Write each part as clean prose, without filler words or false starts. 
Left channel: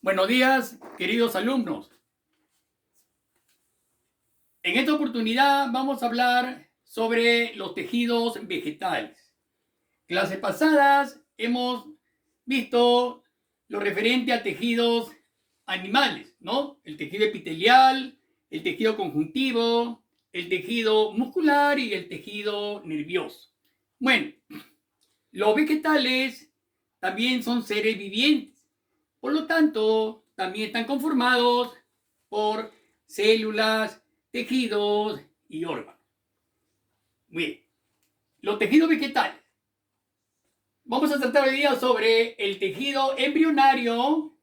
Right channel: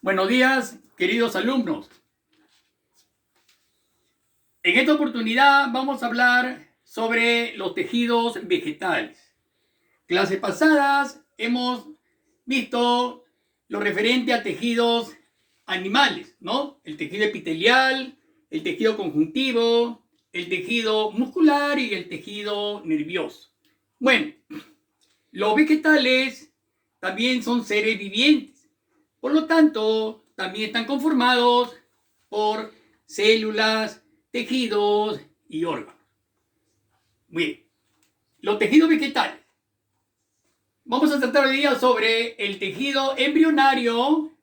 Buenos días, queridos alumnos. En esta oportunidad vamos a hablar sobre los tejidos vegetales. Clases pasadas hemos visto lo referente a tejidos animales, ¿no? El tejido epitelial, el tejido conjuntivo, el tejido muscular y el tejido nervioso. Bueno, los vegetales también son seres vivientes. Por lo tanto, también están conformados por células, tejidos y órganos. Muy bien. Los tejidos vegetales. Vamos a tratar hoy día sobre el tejido embrionario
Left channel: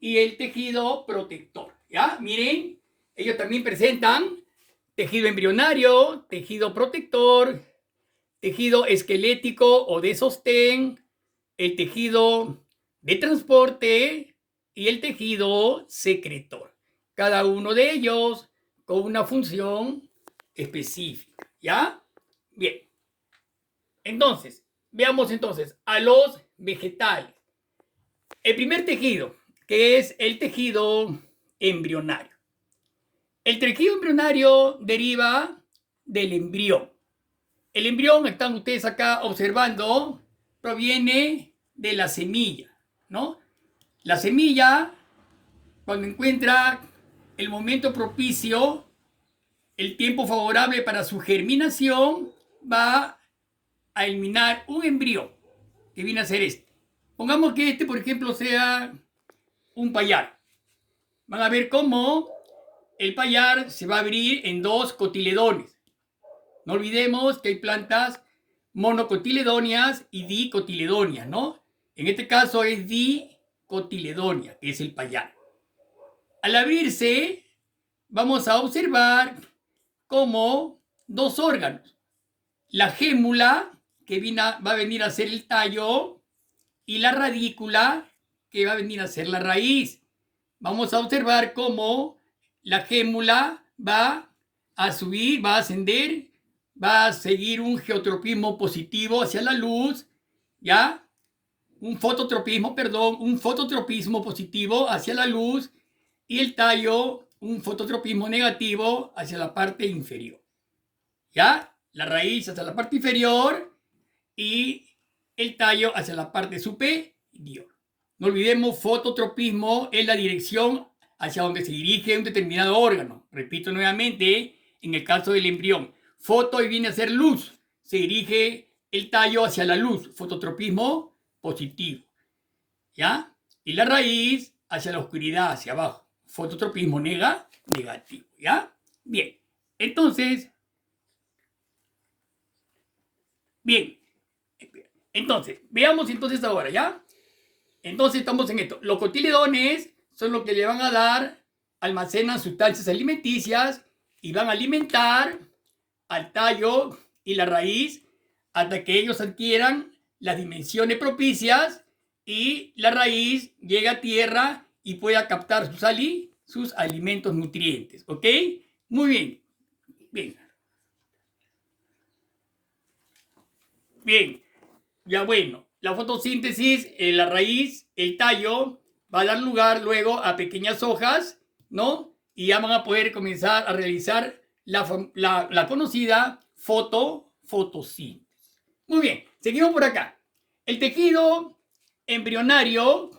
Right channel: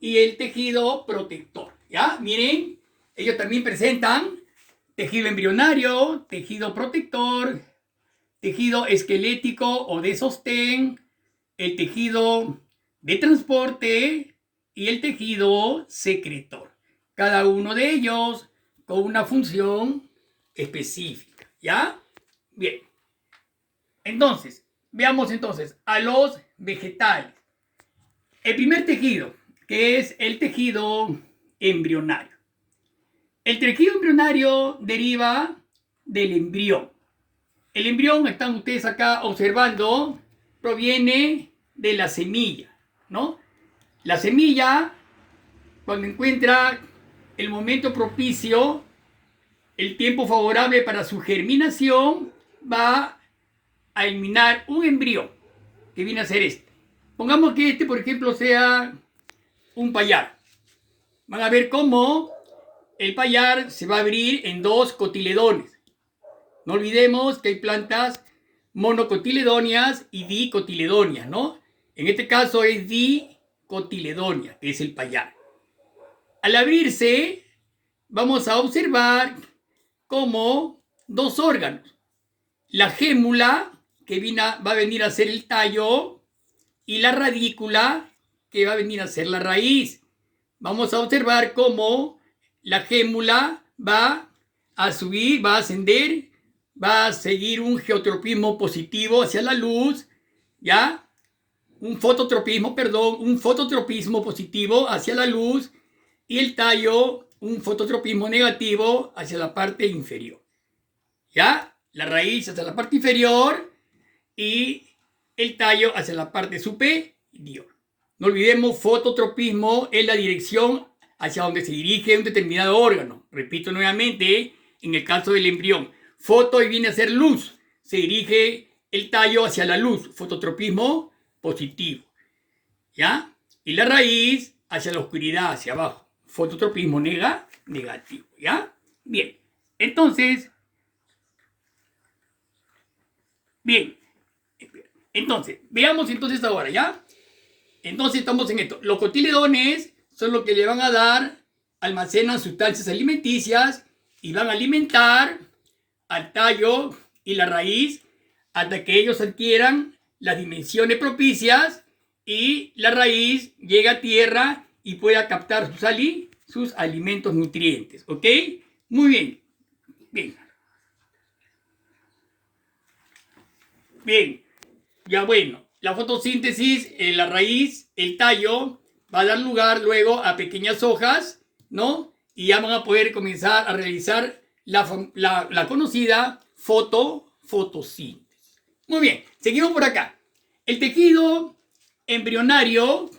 y el tejido protector. ¿Ya? Miren, ellos también presentan tejido embrionario, tejido protector, tejido esquelético o de sostén, el tejido de transporte y el tejido secretor. Cada uno de ellos con una función específica. ¿Ya? Bien. Entonces, veamos entonces a los vegetales. El primer tejido, que es el tejido embrionario. El tejido embrionario deriva del embrión. El embrión, están ustedes acá observando, proviene de la semilla, ¿no? La semilla, cuando encuentra el momento propicio, el tiempo favorable para su germinación, va a eliminar un embrión, que viene a ser este. Pongamos que este, por ejemplo, sea un payar. Van a ver cómo el payar se va a abrir en dos cotiledones. No olvidemos que hay plantas monocotiledóneas y dicotiledóneas, ¿no? En este caso es dicotiledonia, que es el payar. Al abrirse, vamos a observar como dos órganos. La gémula, que va a venir a ser el tallo, y la radícula, que va a venir a ser la raíz. Vamos a observar cómo la gémula va a subir, va a ascender, va a seguir un geotropismo positivo hacia la luz, ¿ya? Un fototropismo positivo hacia la luz, y el tallo, un fototropismo negativo hacia la parte inferior. ¿Ya? La raíz hacia la parte inferior y el tallo hacia la parte superior. No olvidemos, fototropismo es la dirección hacia donde se dirige un determinado órgano. Repito nuevamente, en el caso del embrión, foto y viene a ser luz. Se dirige el tallo hacia la luz, fototropismo positivo. ¿Ya? Y la raíz hacia la oscuridad, hacia abajo, fototropismo negativo. ¿Ya? Bien. Entonces, veamos entonces ahora, ¿ya? Entonces estamos en esto. Los cotiledones son los que le van a dar, almacenan sustancias alimenticias y van a alimentar al tallo y la raíz hasta que ellos adquieran las dimensiones propicias y la raíz llega a tierra y pueda captar sus alimentos nutrientes. ¿Ok? Muy bien. Bien. Bien. Ya bueno, la fotosíntesis, la raíz, el tallo, va a dar lugar luego a pequeñas hojas, ¿no? Y ya van a poder comenzar a realizar la conocida fotosíntesis. Muy bien, seguimos por acá. El tejido embrionario,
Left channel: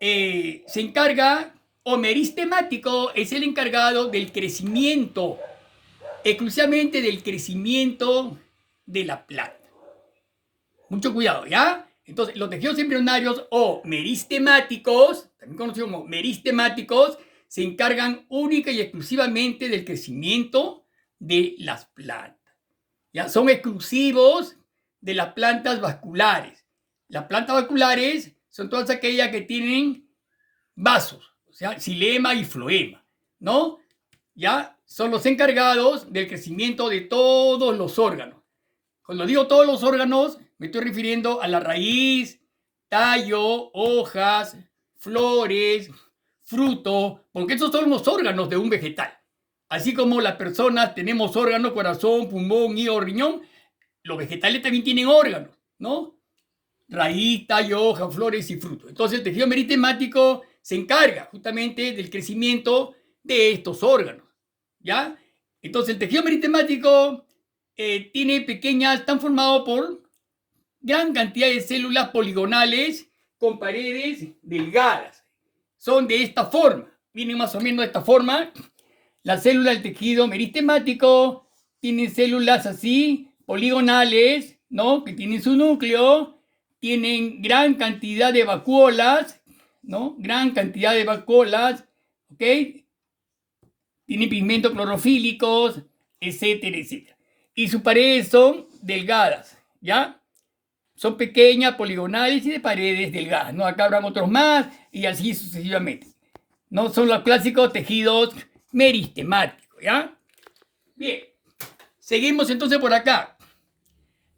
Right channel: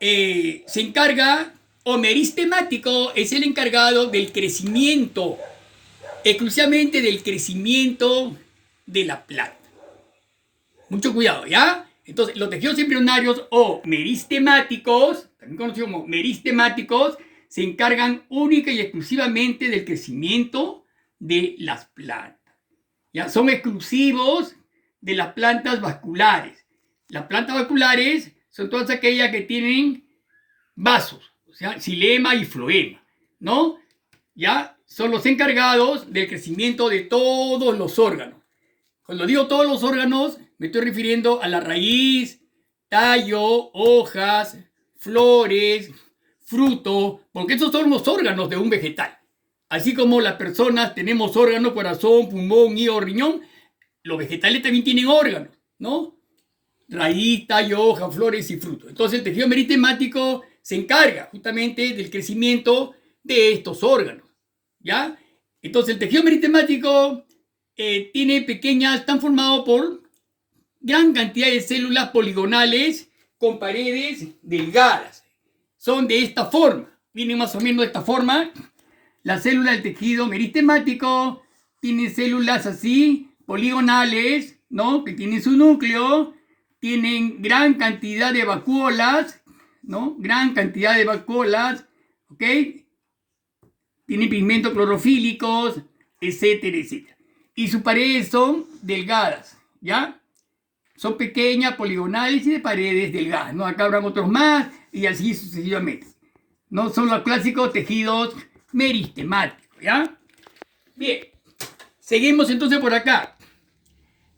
se encarga, o meristemático, es el encargado del crecimiento, exclusivamente del crecimiento de la planta. Mucho cuidado, ¿ya? Entonces, los tejidos embrionarios o meristemáticos, también conocidos como meristemáticos, se encargan única y exclusivamente del crecimiento de las plantas. ¿Ya? Son exclusivos de las plantas vasculares. Las plantas vasculares son todas aquellas que tienen vasos, o sea, xilema y floema, ¿no? ¿Ya? Son los encargados del crecimiento de todos los órganos. Cuando digo todos los órganos, me estoy refiriendo a la raíz, tallo, hojas, flores, fruto, porque esos son los órganos de un vegetal. Así como las personas tenemos órganos, corazón, pulmón, hígado, riñón, los vegetales también tienen órganos, ¿no? raíz, tallo, hoja, flores y frutos. Entonces el tejido meritemático se encarga justamente del crecimiento de estos órganos, ¿ya? Entonces el tejido meritemático tiene pequeñas, están formados por gran cantidad de células poligonales con paredes delgadas. Son de esta forma, vienen más o menos de esta forma. La célula del tejido meritemático tiene células así, poligonales, ¿no? Que tienen su núcleo, tienen gran cantidad de vacuolas, ¿no? Gran cantidad de vacuolas, ¿ok? Tienen pigmentos clorofílicos, etcétera, etcétera. Y sus paredes son delgadas, ¿ya? Son pequeñas, poligonales y de paredes delgadas, ¿no? Acá habrán otros más y así sucesivamente. No son los clásicos tejidos meristemáticos, ¿ya? Bien, seguimos entonces por acá.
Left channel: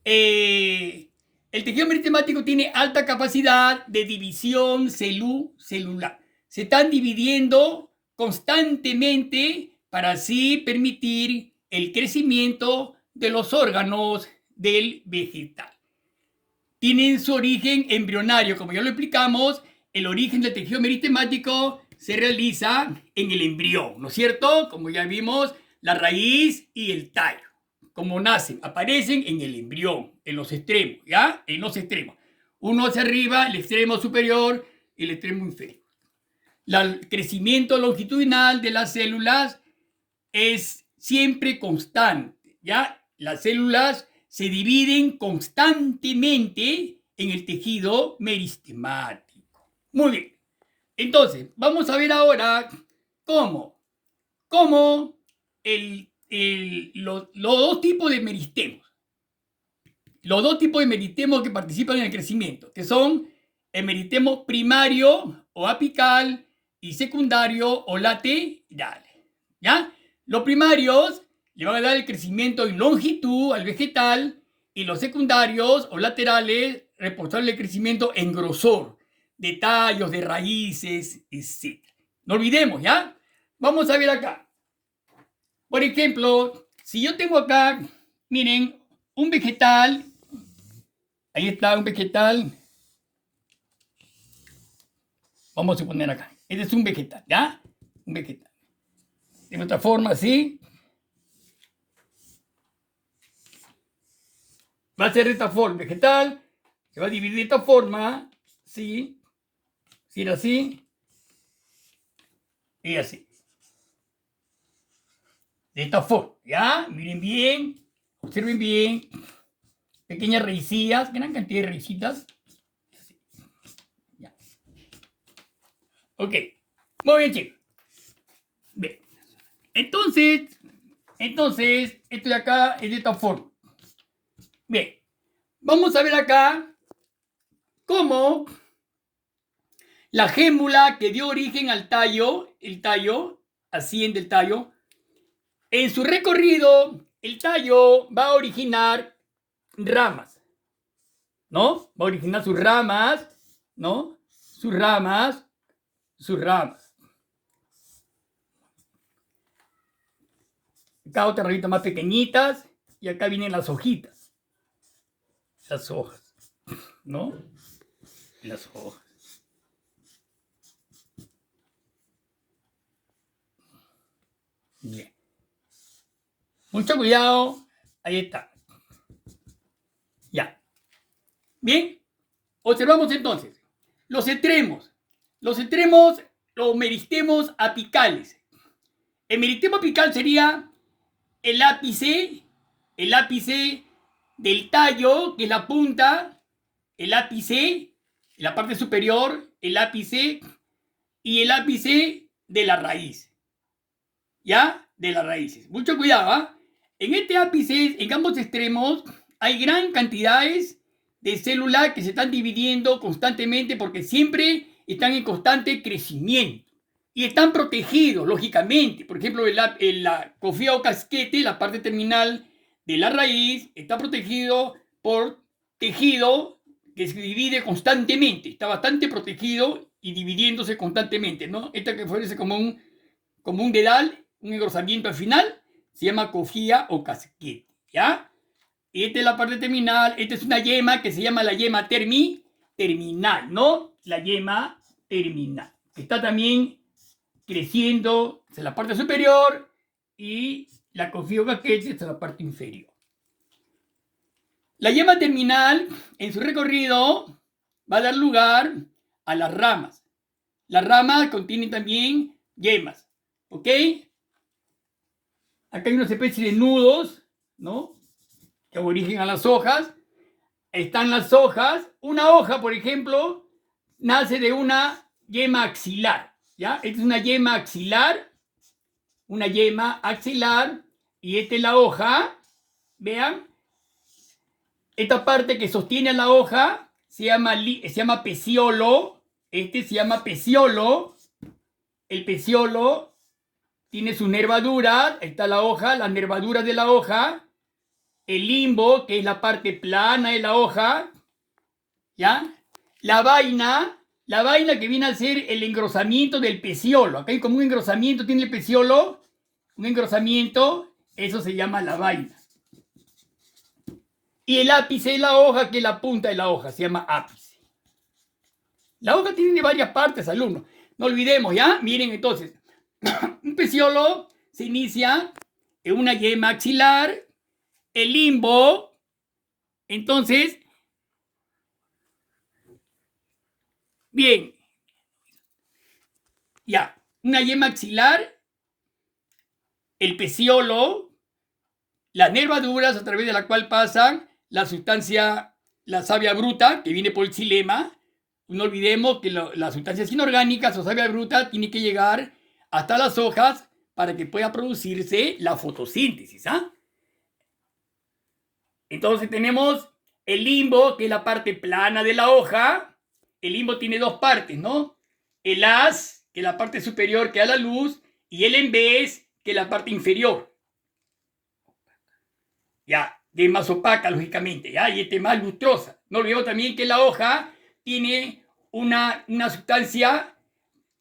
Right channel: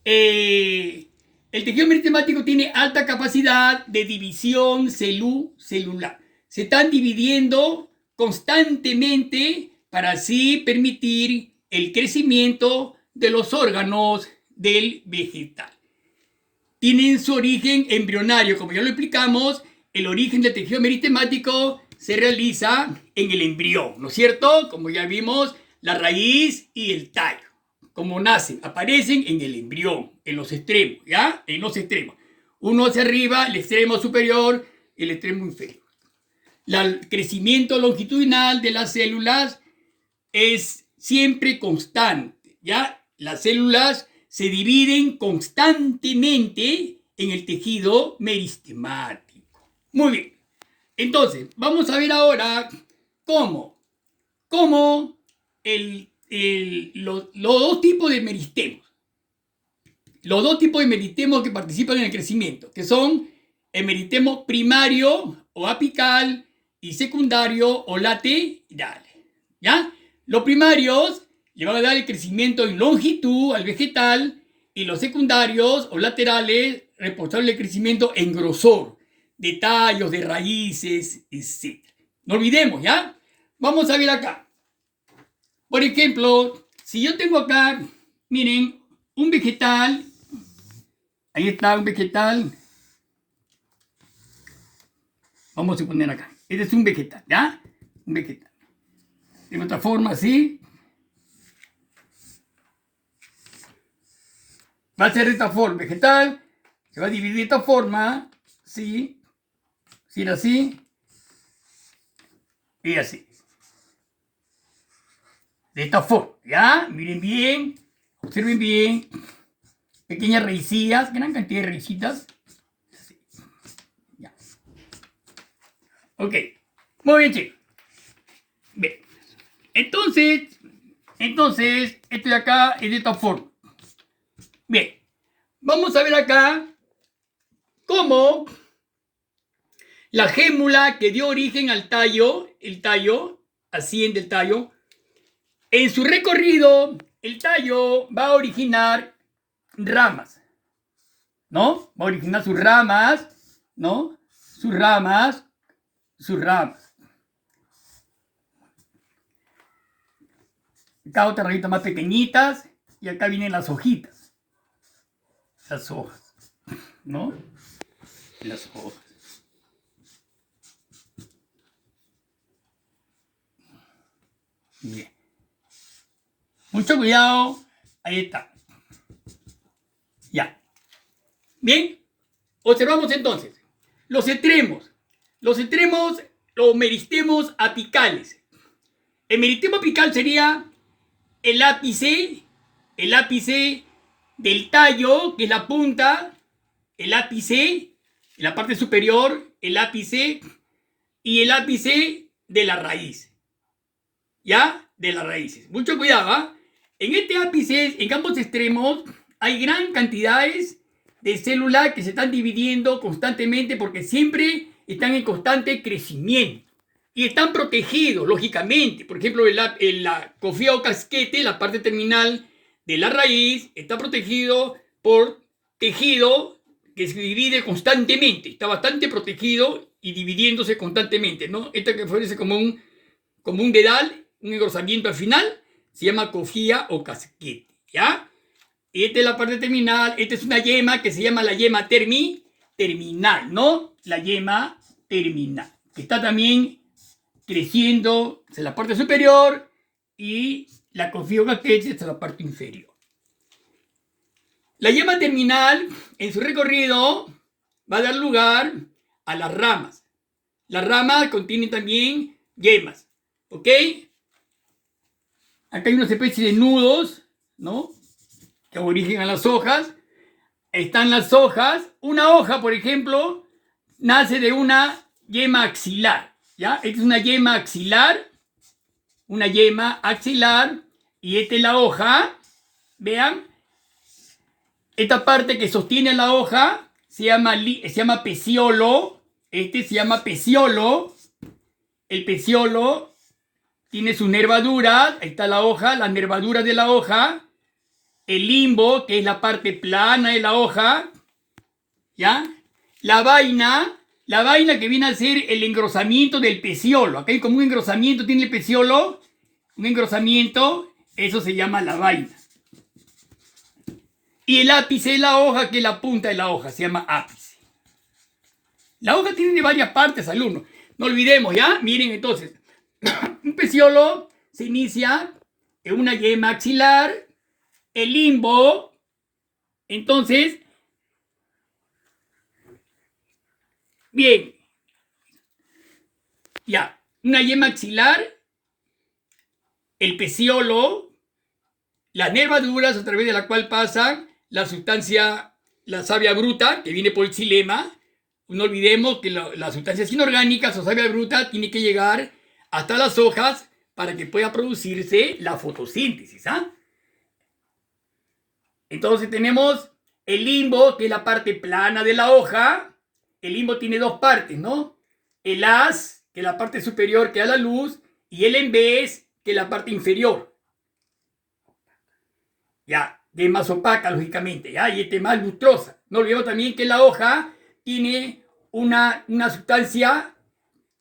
El tejido meritemático tiene alta capacidad de división celular. Se están dividiendo constantemente para así permitir el crecimiento de los órganos del vegetal. Tienen su origen embrionario, como ya lo explicamos. El origen del tejido meritemático se realiza en el embrión, ¿no es cierto? Como ya vimos, la raíz y el tallo, como nacen, aparecen en el embrión, en los extremos, ¿ya? En los extremos. Uno hacia arriba, el extremo superior, el extremo inferior. El crecimiento longitudinal de las células es siempre constante, ¿ya? Las células se dividen constantemente en el tejido meristemático. Muy bien. Entonces, vamos a ver ahora cómo los dos tipos de meristemos. Los dos tipos de meristemos que participan en el crecimiento, que son el meristemo primario o apical y secundario o lateral. ¿Ya? Los primarios le van a dar el crecimiento en longitud al vegetal y los secundarios o laterales responsables del crecimiento en grosor, de tallos, de raíces, etc. No olvidemos, ¿ya? Vamos a ver acá. Por ejemplo, si yo tengo acá, miren, un vegetal, ahí está un vegetal. Vamos a poner acá. Este es un vegetal, ¿ya? Un vegetal. De otra forma, así. Va a ser de esta forma, vegetal. Se va a dividir de esta forma, ¿sí? Si era así y así. De esta forma, ¿ya? Miren bien, observen bien. Pequeñas raicillas, gran cantidad de raicitas. Ya. Ok, muy bien, chicos. Bien. Entonces, esto de acá es de esta forma. Bien, vamos a ver acá cómo la gémula que dio origen al tallo, el tallo, asciende el tallo. En su recorrido, el tallo va a originar ramas, ¿no? Va a originar sus ramas, ¿no? Sus ramas. Acá otra ramita más pequeñitas y acá vienen las hojitas. Las hojas, ¿no? Las hojas. Bien. Mucho cuidado. Ahí está. Ya. Bien. Observamos entonces. Los extremos. Los meristemos apicales. El meristemo apical sería el ápice del tallo, que es la punta, el ápice, en la parte superior, el ápice y el ápice de la raíz. ¿Ya? De las raíces. Mucho cuidado, ¿ah? En este ápice, en ambos extremos, hay gran cantidades de células que se están dividiendo constantemente porque siempre están en constante crecimiento. Y están protegidos, lógicamente. Por ejemplo, la cofía o casquete, la parte terminal de la raíz, está protegido por tejido que se divide constantemente. Está bastante protegido y dividiéndose constantemente, ¿no? Esta que fuese como un dedal, un engrosamiento al final, se llama cofía o casquete, ¿ya? Y esta es la parte terminal. Esta es una yema que se llama la yema terminal, ¿no? La yema terminal. Que está también creciendo hacia la parte superior y la confío caquete hacia la parte inferior. La yema terminal, en su recorrido, va a dar lugar a las ramas. Las ramas contienen también yemas, ¿ok? Acá hay una especie de nudos, ¿no? Que dan origen a las hojas. Están las hojas. Una hoja, por ejemplo, nace de una yema axilar, ¿ya? Esta es una yema axilar, y esta es la hoja, vean. Esta parte que sostiene la hoja se llama peciolo. Este se llama peciolo. El peciolo tiene sus nervaduras. Ahí está la hoja, las nervaduras de la hoja. El limbo, que es la parte plana de la hoja. ¿Ya? La vaina que viene a ser el engrosamiento del peciolo. Acá hay como un engrosamiento, tiene el peciolo. Un engrosamiento, eso se llama la vaina. Y el ápice de la hoja, que es la punta de la hoja, se llama ápice. La hoja tiene varias partes, alumnos. No olvidemos, ¿ya? Miren entonces. Un peciolo se inicia en una yema axilar. El limbo, entonces, bien. Ya, una yema axilar, el peciolo, las nervaduras a través de la cual pasa la sustancia, la savia bruta, que viene por el xilema. No olvidemos que las sustancias inorgánicas o savia bruta tiene que llegar hasta las hojas para que pueda producirse la fotosíntesis. ¿Ah? Entonces tenemos el limbo, que es la parte plana de la hoja. El limbo tiene dos partes, ¿no? El haz, que es la parte superior que da la luz, y el embés, que es la parte inferior. Ya, que es más opaca, lógicamente, ¿ya? Y este es más lustrosa. No olvidemos también que la hoja tiene una sustancia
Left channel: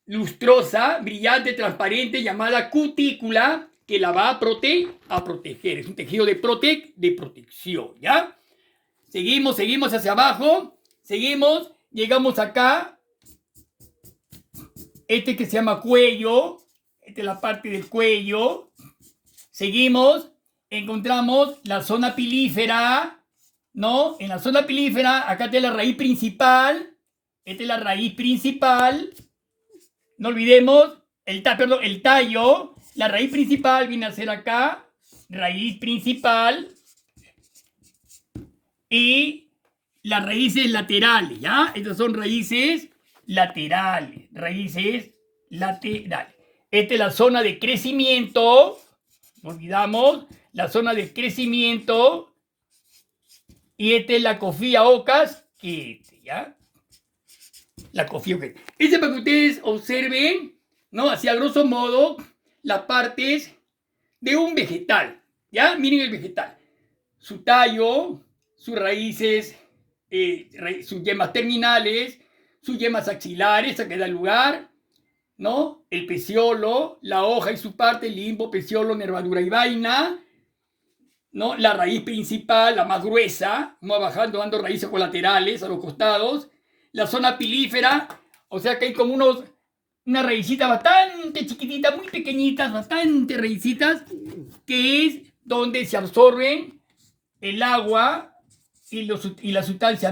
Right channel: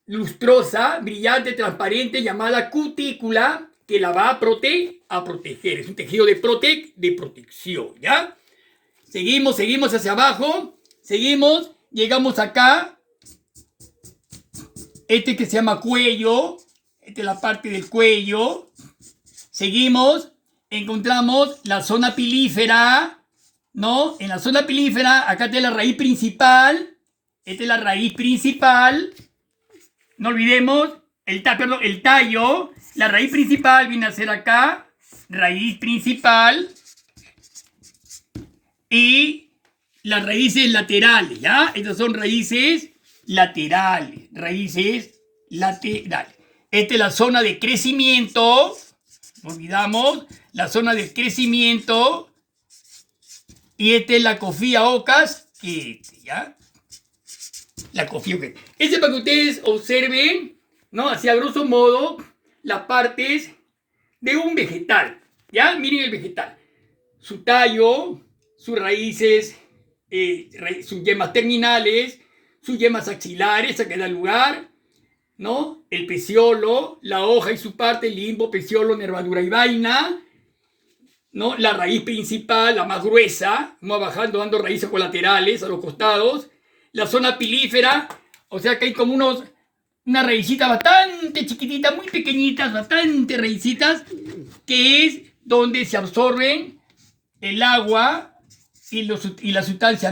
lustrosa, brillante, transparente, llamada cutícula, que la va a proteger. Es un tejido de protección, ¿ya? Seguimos hacia abajo. Seguimos, llegamos acá. Este que se llama cuello. Esta es la parte del cuello. Seguimos, encontramos la zona pilífera, ¿no? En la zona pilífera, acá está la raíz principal. Esta es la raíz principal. No olvidemos el tallo. La raíz principal viene a ser acá. Raíz principal. Y las raíces laterales, ¿ya? Estas son raíces laterales. Esta es la zona de crecimiento. No olvidamos la zona de crecimiento. Y esta es la cofía o casquete, ¿ya? La cofía o casquete. Este es para que ustedes observen, ¿no? Así a grosso modo, las partes de un vegetal, ¿ya? Miren el vegetal. Su tallo, sus raíces, sus yemas terminales, sus yemas axilares, a que da lugar, ¿no? El peciolo, la hoja y su parte, limbo, peciolo, nervadura y vaina, ¿no? La raíz principal, la más gruesa, va bajando, dando raíces colaterales a los costados. La zona pilífera, o sea que hay como unas raícitas bastante chiquititas, muy pequeñitas, bastante raícitas, que es donde se absorben el agua y la sustancia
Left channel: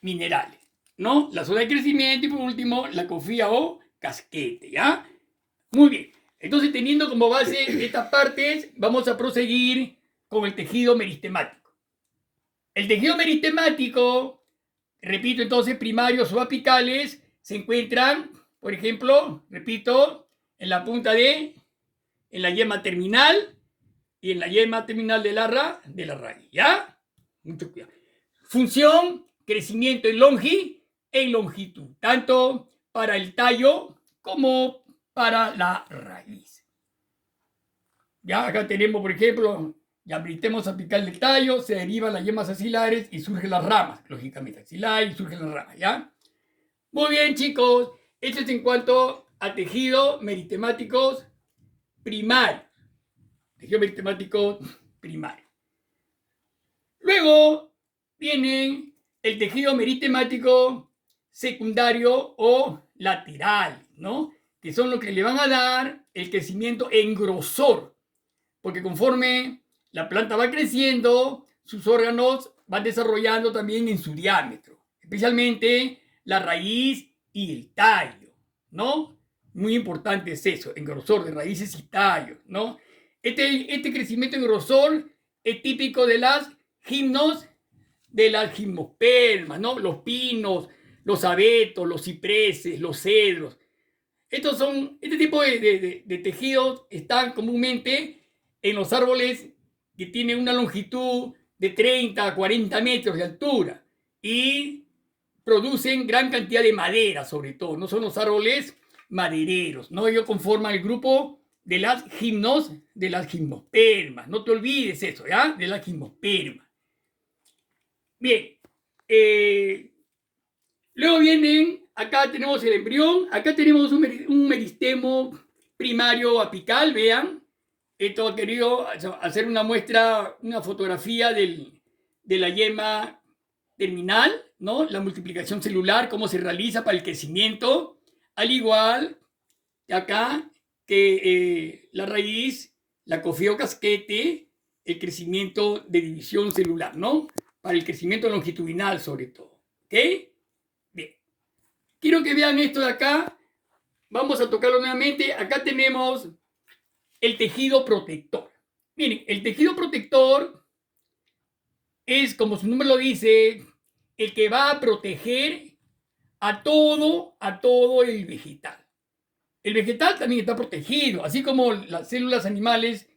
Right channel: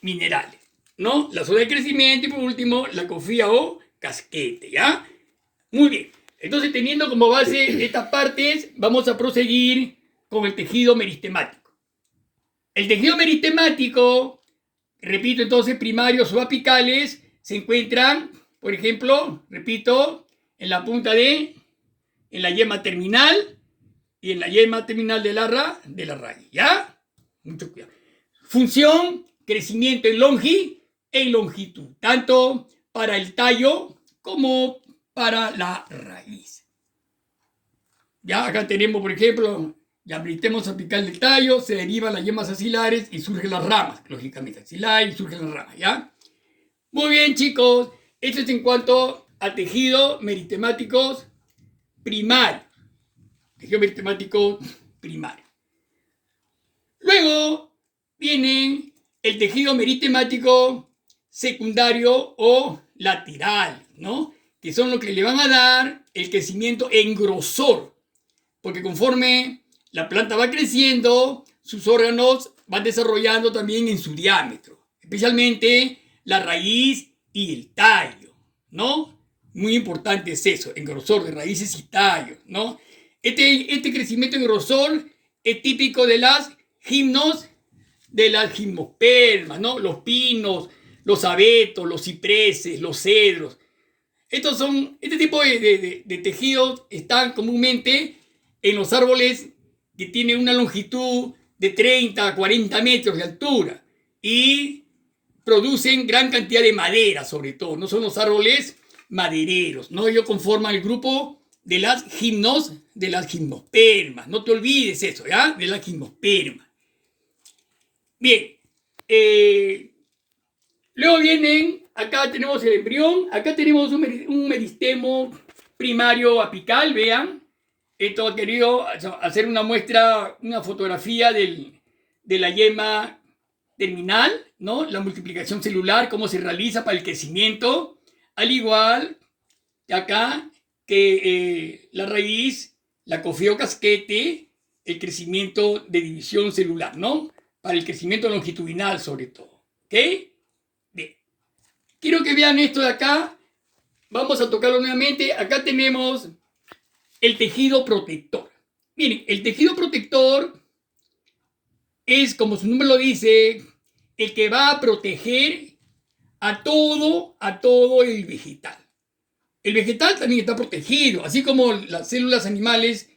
minerales, ¿no? La zona de crecimiento y por último la cofía o casquete, ¿ya? Muy bien. Entonces, teniendo como base estas partes, vamos a proseguir con el tejido meristemático. El tejido meristemático, repito entonces, primarios o apicales, se encuentran, por ejemplo, repito, en la en la yema terminal y en la yema terminal de la raíz, ¿ya? Mucho cuidado. Función, crecimiento en longitud, tanto para el tallo como para la raíz. Ya acá tenemos, por ejemplo, ya meritemos apical del tallo, se derivan las yemas axilares y surgen las ramas, lógicamente, axilar y surgen las ramas, ¿ya? Muy bien, chicos, esto es en cuanto a tejido meritemáticos primario. Tejido meritemático primario. Luego viene el tejido meritemático secundario o lateral, ¿no? Que son los que le van a dar el crecimiento en grosor, porque conforme la planta va creciendo, sus órganos van desarrollando también en su diámetro, especialmente la raíz y el tallo, ¿no? Muy importante es eso, en grosor de raíces y tallos, ¿no? Este crecimiento en grosor es típico de las gimnospermas, ¿no? Los pinos, los abetos, los cipreses, los cedros. Este tipo de tejidos están comúnmente en los árboles que tienen una longitud de 30 a 40 metros de altura y producen gran cantidad de madera, sobre todo. No son los árboles madereros, ¿no? Ellos conforman el grupo de las gimnospermas. No te olvides eso, ¿ya? De las gimnospermas. Bien. Luego vienen, acá tenemos el embrión, acá tenemos un meristemo primario apical, vean. Esto ha querido hacer una muestra, una fotografía de la yema terminal, ¿no? La multiplicación celular, cómo se realiza para el crecimiento, al igual que acá que la raíz, la cofiocasquete, el crecimiento de división celular, ¿no? Para el crecimiento longitudinal sobre todo, ¿ok? Bien. Quiero que vean esto de acá. Vamos a tocarlo nuevamente. Acá tenemos el tejido protector. Miren, el tejido protector es, como su nombre lo dice, el que va a proteger a todo el vegetal. El vegetal también está protegido, así como las células animales,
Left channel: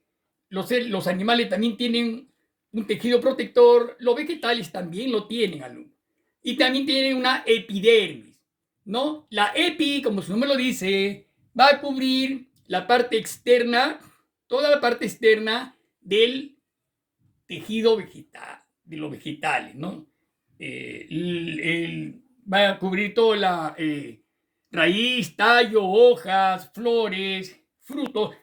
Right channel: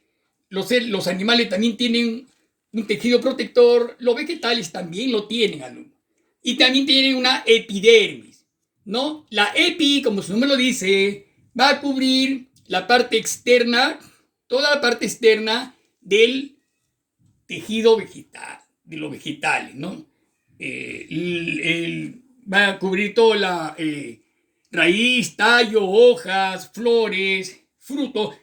los animales también tienen un tejido protector, los vegetales también lo tienen, alumno. Y también tienen una epidermis, ¿no? La epi, como su nombre lo dice, va a cubrir la parte externa, toda la parte externa del tejido vegetal, de los vegetales, ¿no? Va a cubrir toda la raíz, tallo, hojas, flores, frutos,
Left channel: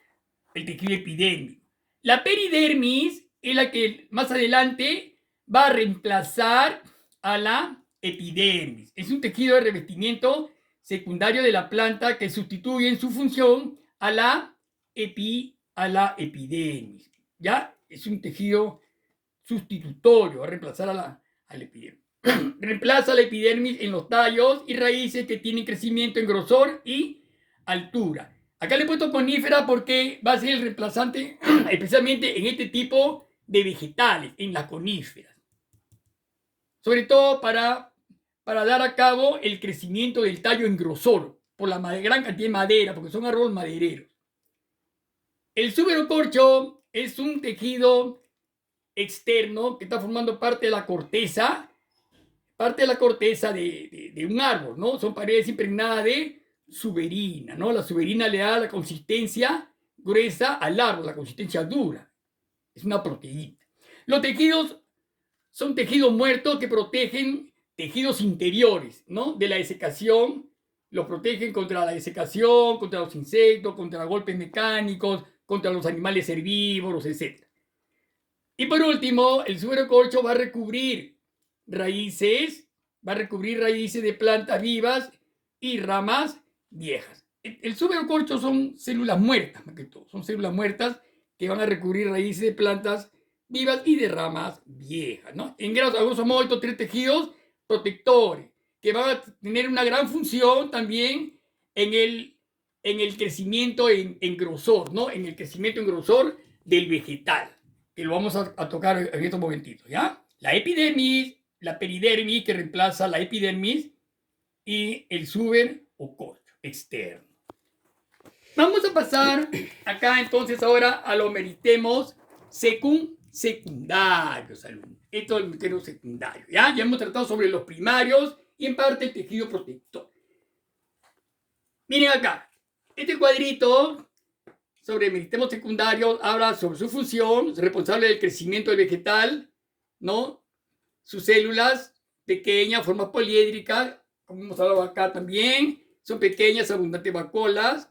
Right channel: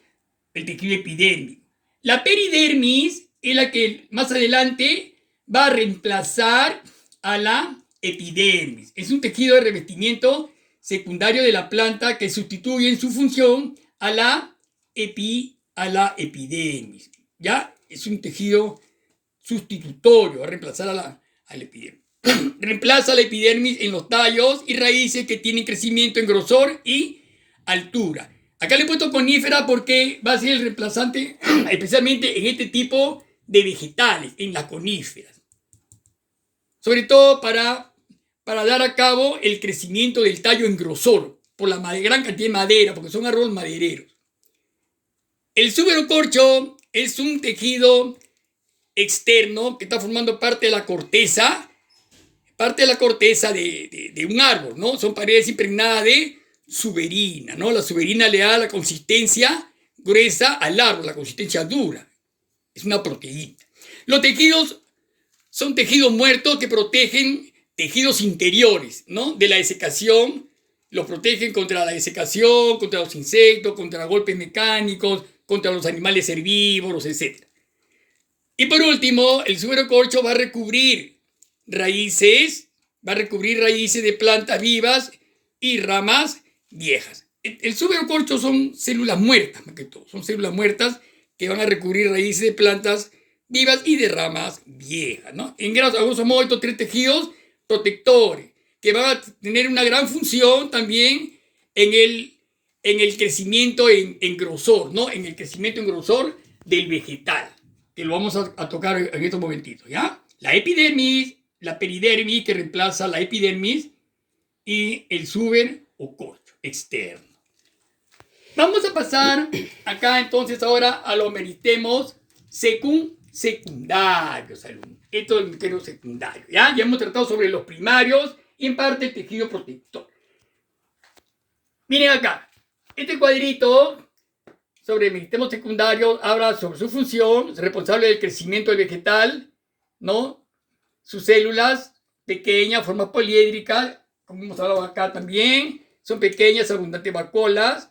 el tejido epidérmico. La peridermis es la que más adelante va a reemplazar a la epidermis. Es un tejido de revestimiento secundario de la planta que sustituye en su función a la epidermis. ¿Ya? Es un tejido sustitutorio, va a reemplazar a la epidermis. Reemplaza la epidermis en los tallos y raíces que tienen crecimiento en grosor y altura. Acá le he puesto conífera porque va a ser el reemplazante, especialmente en este tipo de vegetales, en las coníferas. Sobre todo para dar a cabo el crecimiento del tallo en grosor, por la gran cantidad de madera, porque son árboles madereros. El suberocorcho es un tejido externo que está formando parte de la corteza de un árbol, ¿no? Son paredes impregnadas de suberina, ¿no? La suberina le da la consistencia gruesa al árbol, la consistencia dura. Es una proteína. Los tejidos son tejidos muertos que protegen tejidos interiores, ¿no? De la desecación, los protegen contra la desecación, contra los insectos, contra golpes mecánicos, contra los animales herbívoros, etc. Y por último, el suberocorcho va a recubrir raíces de plantas vivas y ramas viejas. El suberocorcho son células muertas, más que todo. Son células muertas que van a recubrir raíces de plantas vivas y de ramas viejas, ¿no? En grosso modo, estos tres tejidos protectores que van a tener una gran función también en el crecimiento en grosor, ¿no? En el crecimiento en grosor del vegetal, que lo vamos a tocar en estos momentitos, ¿ya? La epidermis, la peridermis que reemplaza la epidermis y el suberocorcho externo. Vamos a pasar acá entonces ahora a los meristemos secundarios, alumnos. Esto es el meristemo secundario, ¿ya? Ya hemos tratado sobre los primarios y en parte el tejido protector. Miren acá, este cuadrito sobre el meristemo secundario habla sobre su función, es responsable del crecimiento del vegetal, ¿no? Sus células pequeñas, formas poliédricas, como hemos hablado acá también, son pequeñas, abundantes vacuolas.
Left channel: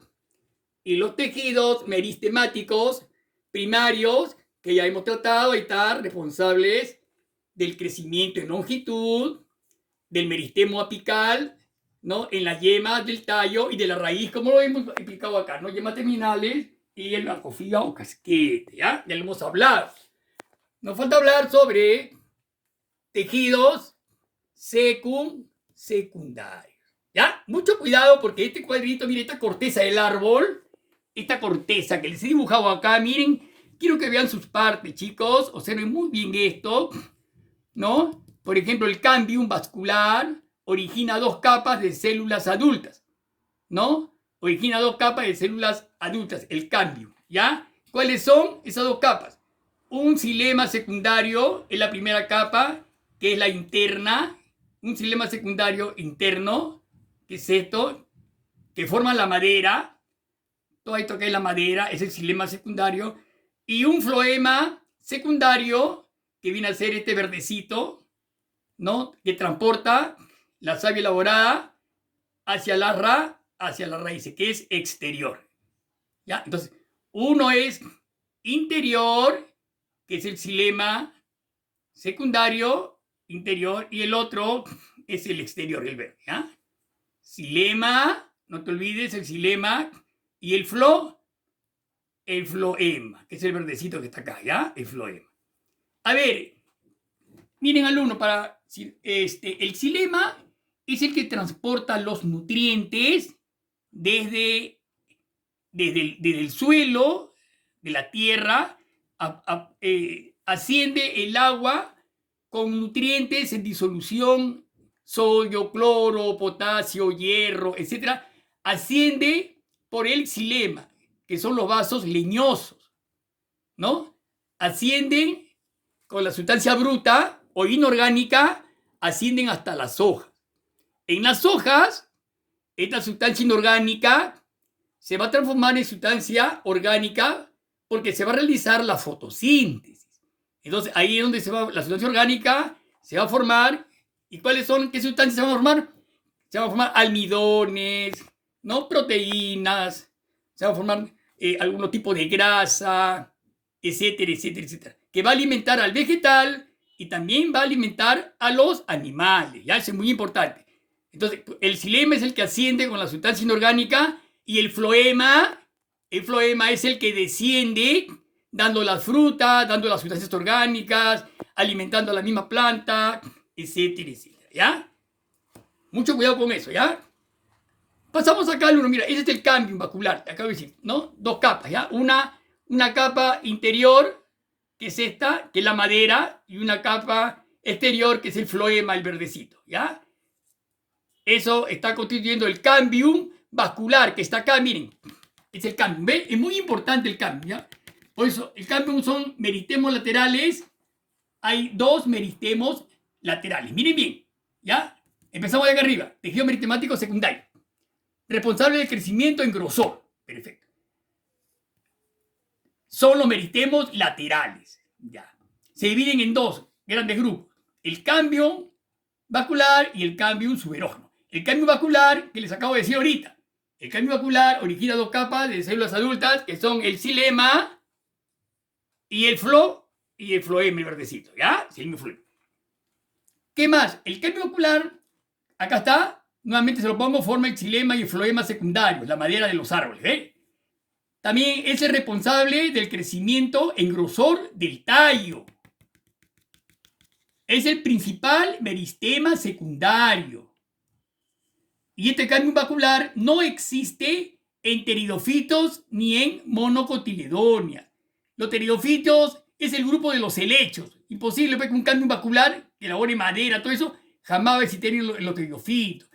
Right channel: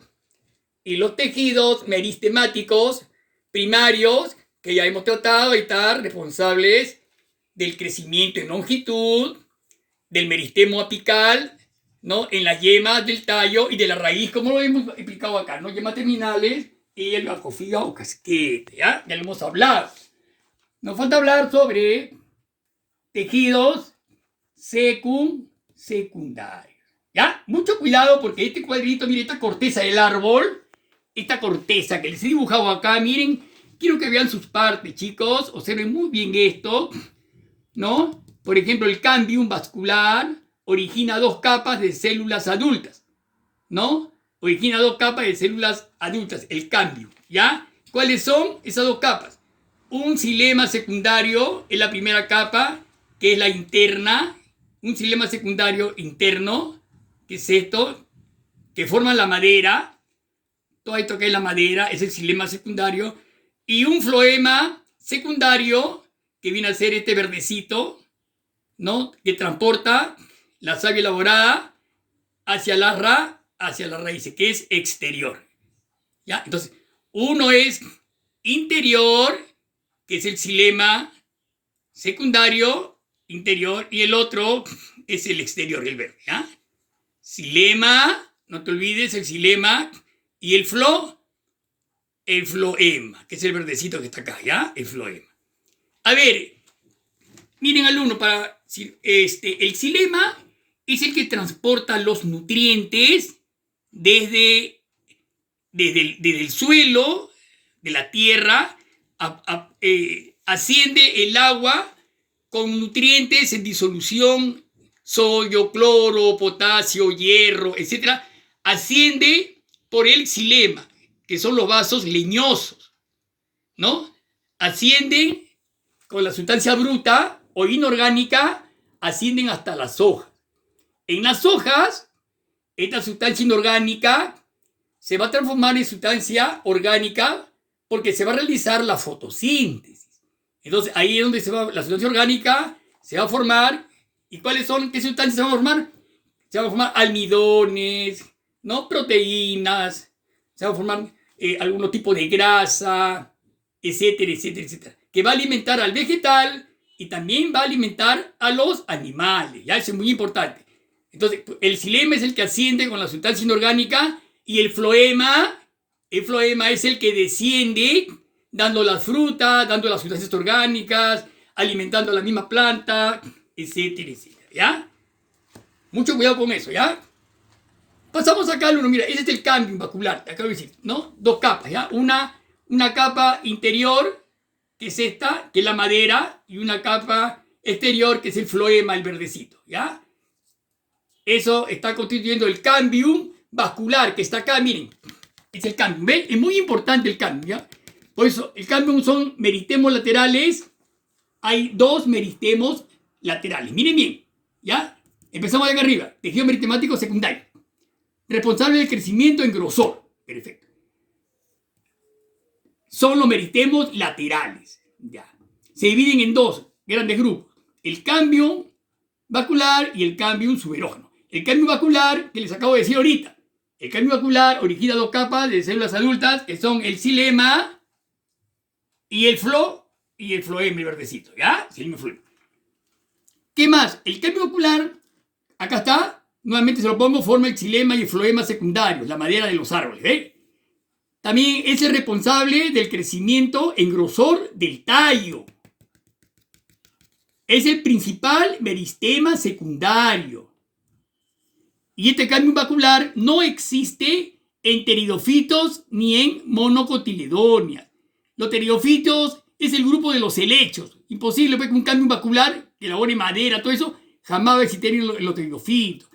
Y los tejidos meristemáticos primarios, que ya hemos tratado, y están responsables del crecimiento en longitud, del meristemo apical, ¿no? En las yemas del tallo y de la raíz, como lo hemos explicado acá, ¿no? Yemas terminales y el bacofía o casquete, ¿ya? Ya lo hemos hablado. Nos falta hablar sobre tejidos secundarios, ¿ya? Mucho cuidado porque este cuadrito, mire, esta corteza del árbol, esta corteza que les he dibujado acá, miren, quiero que vean sus partes, chicos, observen muy bien esto, ¿no? Por ejemplo, el cambium vascular origina dos capas de células adultas, ¿no? Origina dos capas de células adultas, el cambium, ¿ya? ¿Cuáles son esas dos capas? Un xilema secundario es la primera capa, que es la interna, un xilema secundario interno, que es esto, que forma la madera, todo esto que es la madera es el xilema secundario, y un floema secundario, que viene a ser este verdecito, ¿no? Que transporta la savia elaborada hacia las raíces, que es exterior, ¿ya? Entonces, uno es interior, que es el xilema secundario, interior, y el otro es el exterior, el verde, ¿ya? Xilema, no te olvides, el xilema, y el floema, que es el verdecito que está acá, ¿ya? El floema. A ver, miren alumno, el xilema es el que transporta los nutrientes desde el suelo, de la tierra, asciende el agua con nutrientes en disolución, sodio, cloro, potasio, hierro, etc. Asciende por el xilema, que son los vasos leñosos, ¿no? Ascienden con la sustancia bruta o inorgánica, ascienden hasta las hojas. En las hojas, esta sustancia inorgánica se va a transformar en sustancia orgánica porque se va a realizar la fotosíntesis. Entonces, ahí es donde la sustancia orgánica se va a formar. ¿Y cuáles son? ¿Qué sustancias se van a formar? Se van a formar almidones, ¿no? Proteínas, se van a formar algún tipo de grasa, etcétera, etcétera, etcétera, que va a alimentar al vegetal y también va a alimentar a los animales, ¿ya? Eso es muy importante. Entonces, el xilema es el que asciende con la sustancia inorgánica y el floema es el que desciende dando las frutas, dando las sustancias orgánicas, alimentando a la misma planta, etcétera, etcétera, ¿ya? Mucho cuidado con eso, ¿ya? Pasamos acá al uno, mira, ese es el cambium vascular, te acabo de decir, ¿no? Dos capas, ¿ya? Una capa interior, que es esta, que es la madera, y una capa exterior, que es el floema, el verdecito, ¿ya? Eso está constituyendo el cambium vascular, que está acá, miren, es el cambium, ¿ven? Es muy importante el cambium, ¿ya? Por eso, el cambium son meristemos laterales, hay dos meristemos laterales, miren bien, ¿ya? Empezamos de acá arriba, tejido meristemático secundario, responsable del crecimiento en grosor, perfecto. Son los meristemos laterales, ya. Se dividen en dos grandes grupos, el cambium vascular y el cambium suberógeno. El cambium vascular, que les acabo de decir ahorita, el cambium vascular origina dos capas de células adultas, que son el xilema y el floema, el verdecito, ¿ya? Xilema y floema. ¿Qué más? El cambium vascular, acá está, nuevamente se lo pongo, forma el xilema y el floema secundarios, la madera de los árboles, ¿eh? También es el responsable del crecimiento en grosor del tallo. Es el principal meristema secundario. Y este cambium vascular no existe en pteridofitos ni en monocotiledonias. Los pteridofitos es el grupo de los helechos. Imposible ver que un cambium vascular que elabore madera, todo eso, jamás va a existir en los pteridofitos.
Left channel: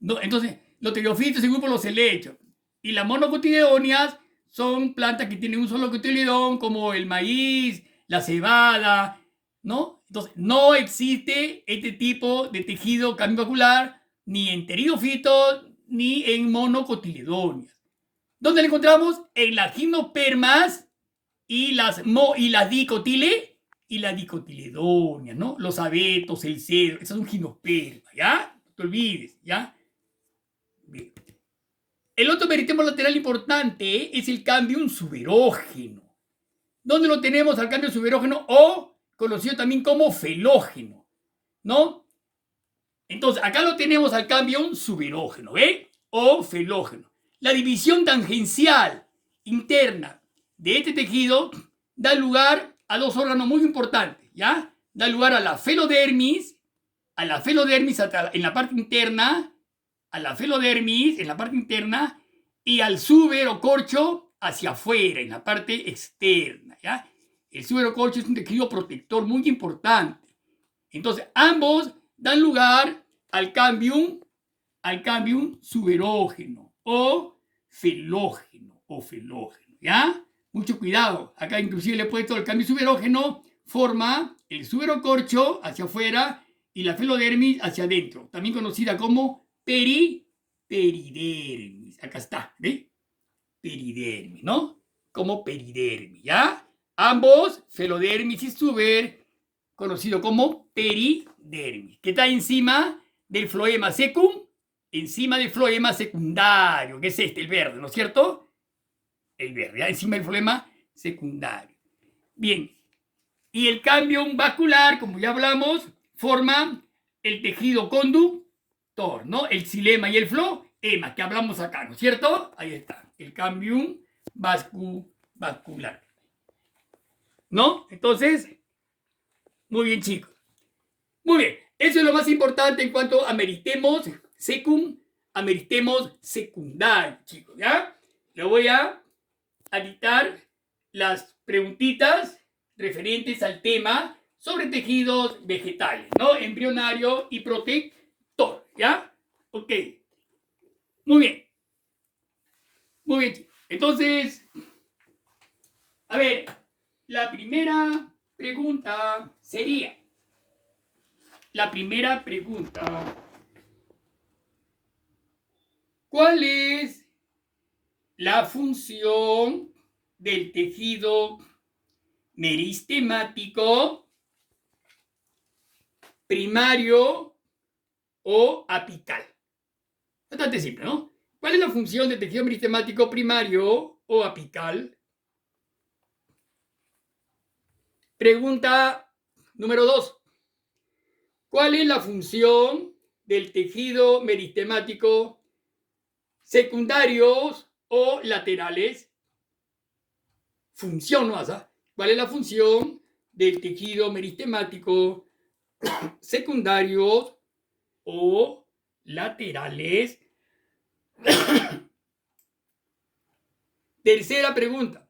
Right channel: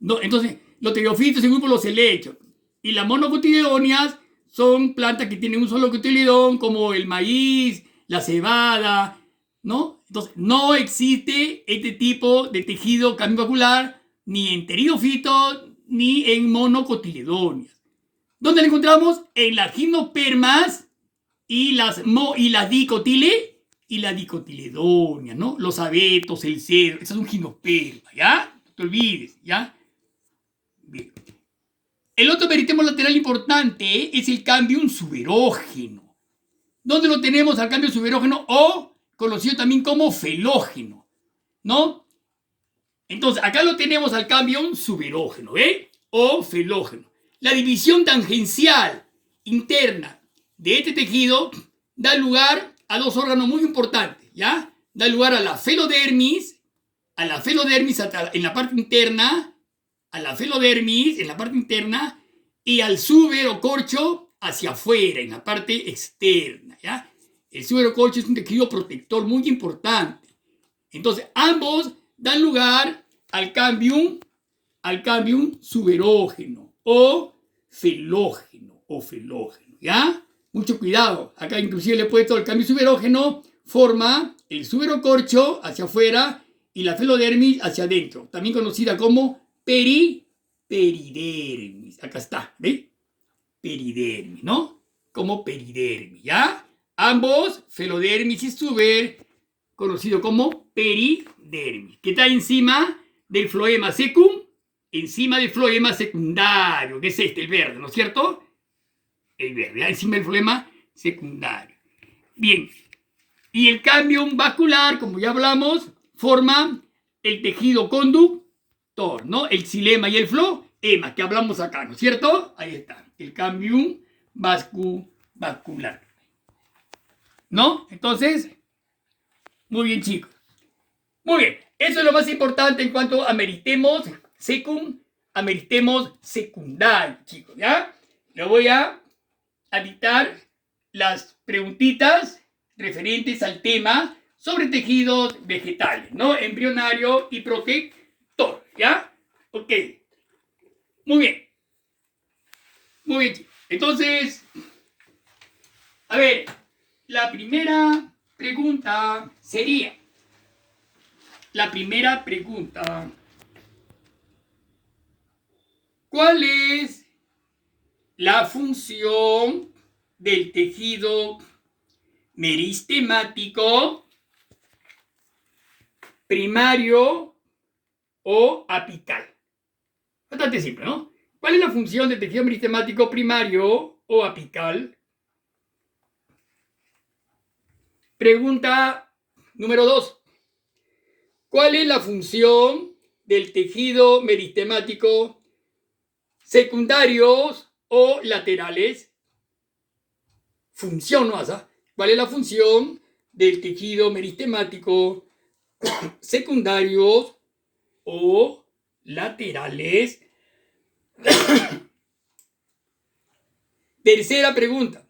No, entonces, los pteridofitos es el grupo de los helechos. Y las monocotiledonias son plantas que tienen un solo cotiledón, como el maíz, la cebada, ¿no? Entonces, no existe este tipo de tejido cambium vascular ni en pteridofitos ni en monocotiledonias. ¿Dónde lo encontramos? En las gimnospermas y las dicotiledonias, ¿no? Los abetos, el cedro, esas son gimnospermas, ¿ya? No te olvides, ¿ya? Bien. El otro meristemo lateral importante es el cambium suberógeno. ¿Dónde lo tenemos al cambium suberógeno o conocido también como felógeno, ¿no? Entonces, acá lo tenemos al cambio suberógeno, ¿ve? O felógeno. La división tangencial interna de este tejido da lugar a dos órganos muy importantes, ¿ya? Da lugar a la felodermis en la parte interna, a la felodermis en la parte interna y al suberocorcho hacia afuera, en la parte externa, ¿ya? El suberocorcho es un tejido protector muy importante. Entonces, ambos dan lugar al cambium suberógeno o felógeno, ¿ya? Mucho cuidado. Acá inclusive le he puesto el cambio suberógeno, forma el suberocorcho hacia afuera y la felodermis hacia adentro, también conocida como peridermis. Acá está, ¿ve? Peridermis, ¿no? Como peridermis, ¿ya? Ambos, felodermis y suber, conocido como peridermis, que está encima del floema secum, encima del floema secundario, que es este, el verde, ¿no es cierto? El verde, ¿ya? Encima del floema secundario. Bien, y el cambio vascular, como ya hablamos, forma el tejido conductor, ¿no? El xilema y el floema, que hablamos acá, ¿no es cierto? Ahí está, el cambio vascular, ¿no? Entonces, muy bien, chicos. Muy bien, eso es lo más importante en cuanto a meritemos secum, a meritemos secundario, chicos, ¿ya? Le voy a dictar las preguntitas referentes al tema sobre tejidos vegetales, ¿no? Embrionario y protector, ¿ya? Ok. Muy bien. Muy bien, chicos. Entonces, a ver, la primera pregunta sería, ¿cuál es la función del tejido meristemático primario o apical? Bastante simple, ¿no? ¿Cuál es la función del tejido meristemático primario o apical? Pregunta número 2. ¿Cuál es la función del tejido meristemático secundarios o laterales? Función, ¿no? ¿Cuál es la función del tejido meristemático secundarios o laterales? Tercera pregunta.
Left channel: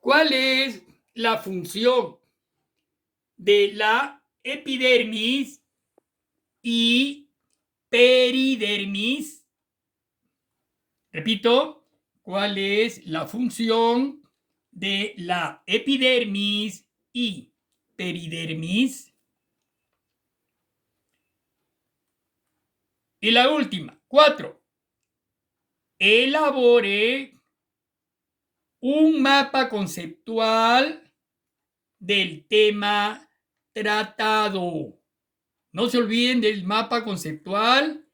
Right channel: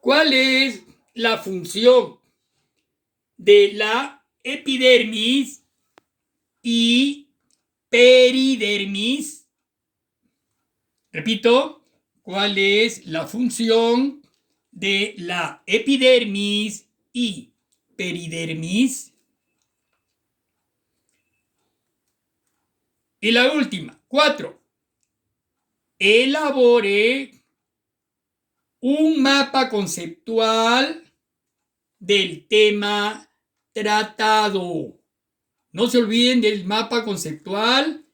¿Cuál es la función de la epidermis y peridermis? Repito, ¿cuál es la función de la epidermis y peridermis? Y la última, 4. Elabore un mapa conceptual del tema tratado. No se olviden del mapa conceptual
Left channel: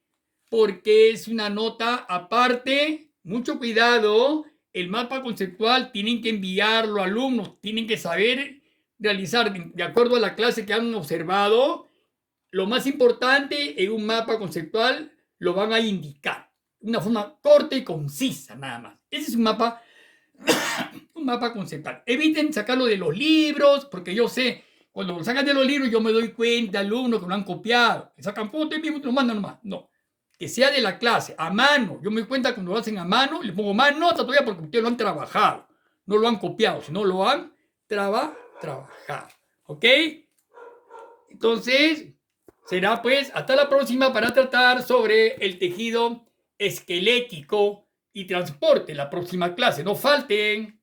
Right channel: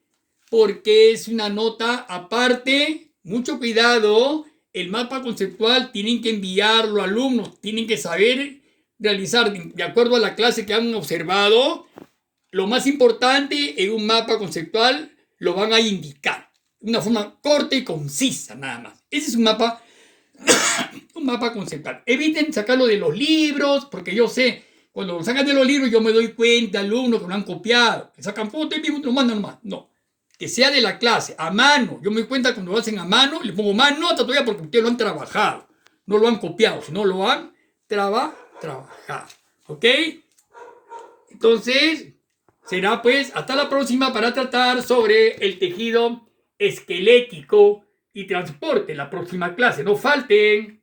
porque es una nota aparte. Mucho cuidado. El mapa conceptual tienen que enviarlo a alumnos. Tienen que saber realizar de acuerdo a la clase que han observado. Lo más importante en un mapa conceptual lo van a indicar. De una forma corta y concisa nada más. Ese es un mapa conceptual. Eviten sacarlo de los libros, porque yo sé, cuando lo sacan de los libros yo me doy cuenta, alumnos que lo han copiado, que sacan fotos y lo mandan nomás. No, que sea de la clase, a mano. Yo me doy cuenta cuando lo hacen a mano, le pongo más nota todavía porque ustedes lo han trabajado. No lo han copiado, sino lo han trabajado. ¿Ok? Entonces, será pues hasta la próxima para tratar sobre el tejido esquelético y transporte. La próxima clase, no falten.